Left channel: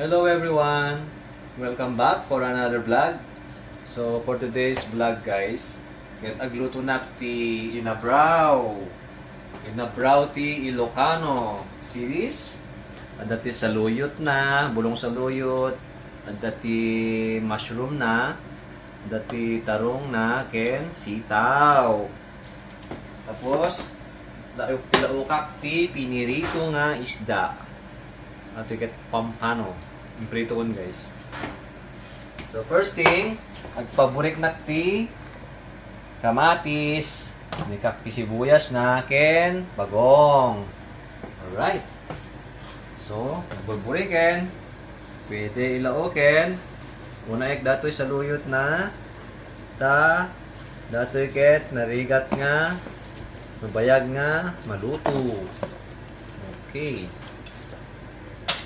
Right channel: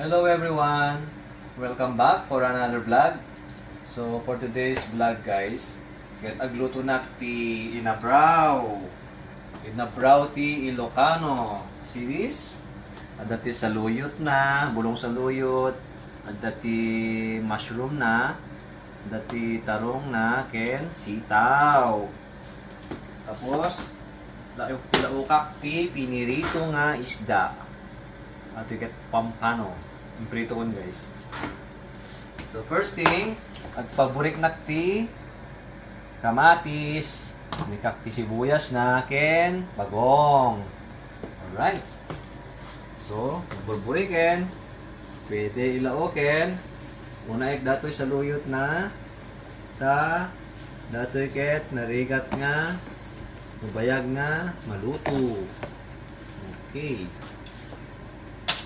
Hello everyone! Welcome back for another vlog. So for today's vlog guys, get agluto na ti Inabraw. Inabraw ti Ilocano series. Ada ti saluyot na, bulong saluyot. Ada ti mushroom na. Ada ti tarong na, ken sitaw. Tapos, laukak ti pinirito nga isda. At tiket pampano. Yung prito kon guys. So first thing, agpaborik na ti kamatis, nikak ti sibuyas na ken bagong. Alright. So, burburiken. Pwede ilaoken. Una ek datoy sa luyot na ta datoy ket narigat nga mabayag nga maluto. Okay.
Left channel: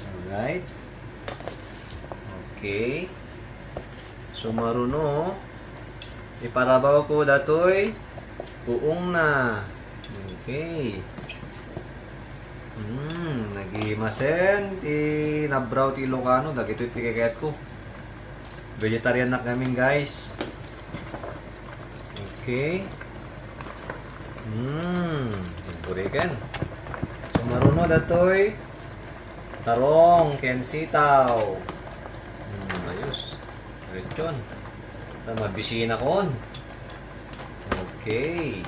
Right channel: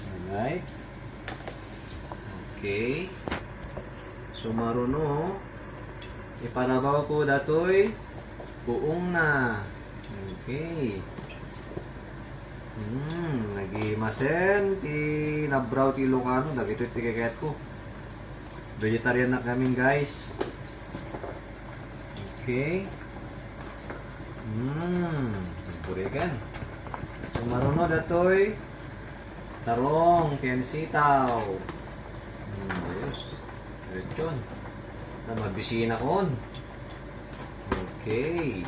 Alright. Okay. So maruno. Iparabaw ko datoy. Buong na. Okay. Hmm, nagimasen ti nabraw ti Ilocano, dagito ti kagayat ko. Vegetarian na kami guys. Okay. Hmm, burikan. Maruno datoy. Tarong, ken sitaw. Hmm, ayos. Lechon. Na mabisina kon. Okay.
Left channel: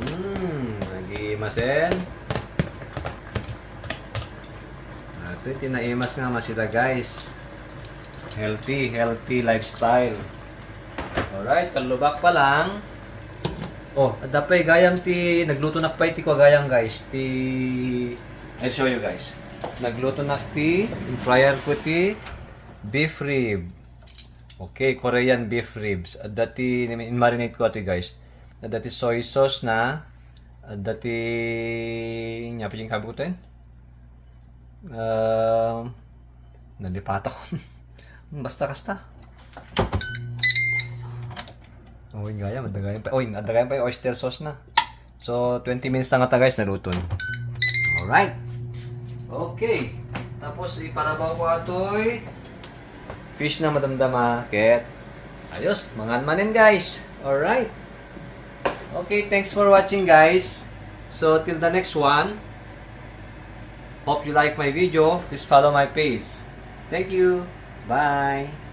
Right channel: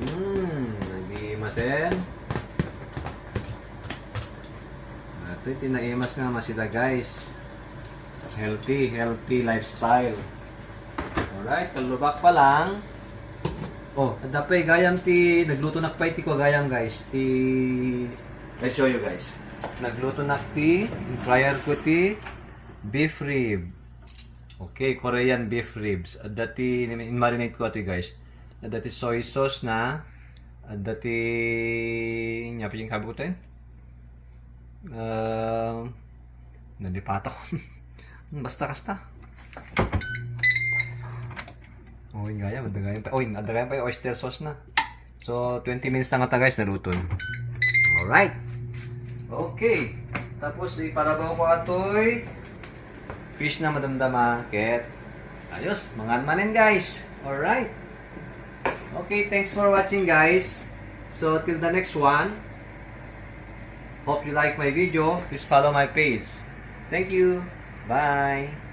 Hmm, nagimasen. Ito, tinaimas nga masida guys. Healthy, healthy lifestyle. Alright, kalubak pa lang. Oh, adapay gayam ti nagluto na pa ti ko gayam guys. Ti Let's show you guys. Nagluto na ti fryer ko ti beef rib. Okay, Korean beef ribs. At dati in marinate ko ti guys. At dati soy sauce na. At dati nya pa yung kabutin. Um, nalipat ako. basta kasta. Oh, yung gaya, madagayan pa. Oh, nadagayan pa yung oyster sauce na. So, 20 minutes na nga ta guys, naluto. Alright. Okay. Tapos, iparabaw ko atoy. Fish na madamdama. Ket. Ayos, mga manin guys. Alright. Okay, thanks for watching guys. So, till the next one. Hope you like my video. Please follow my page. Thank you. Bye.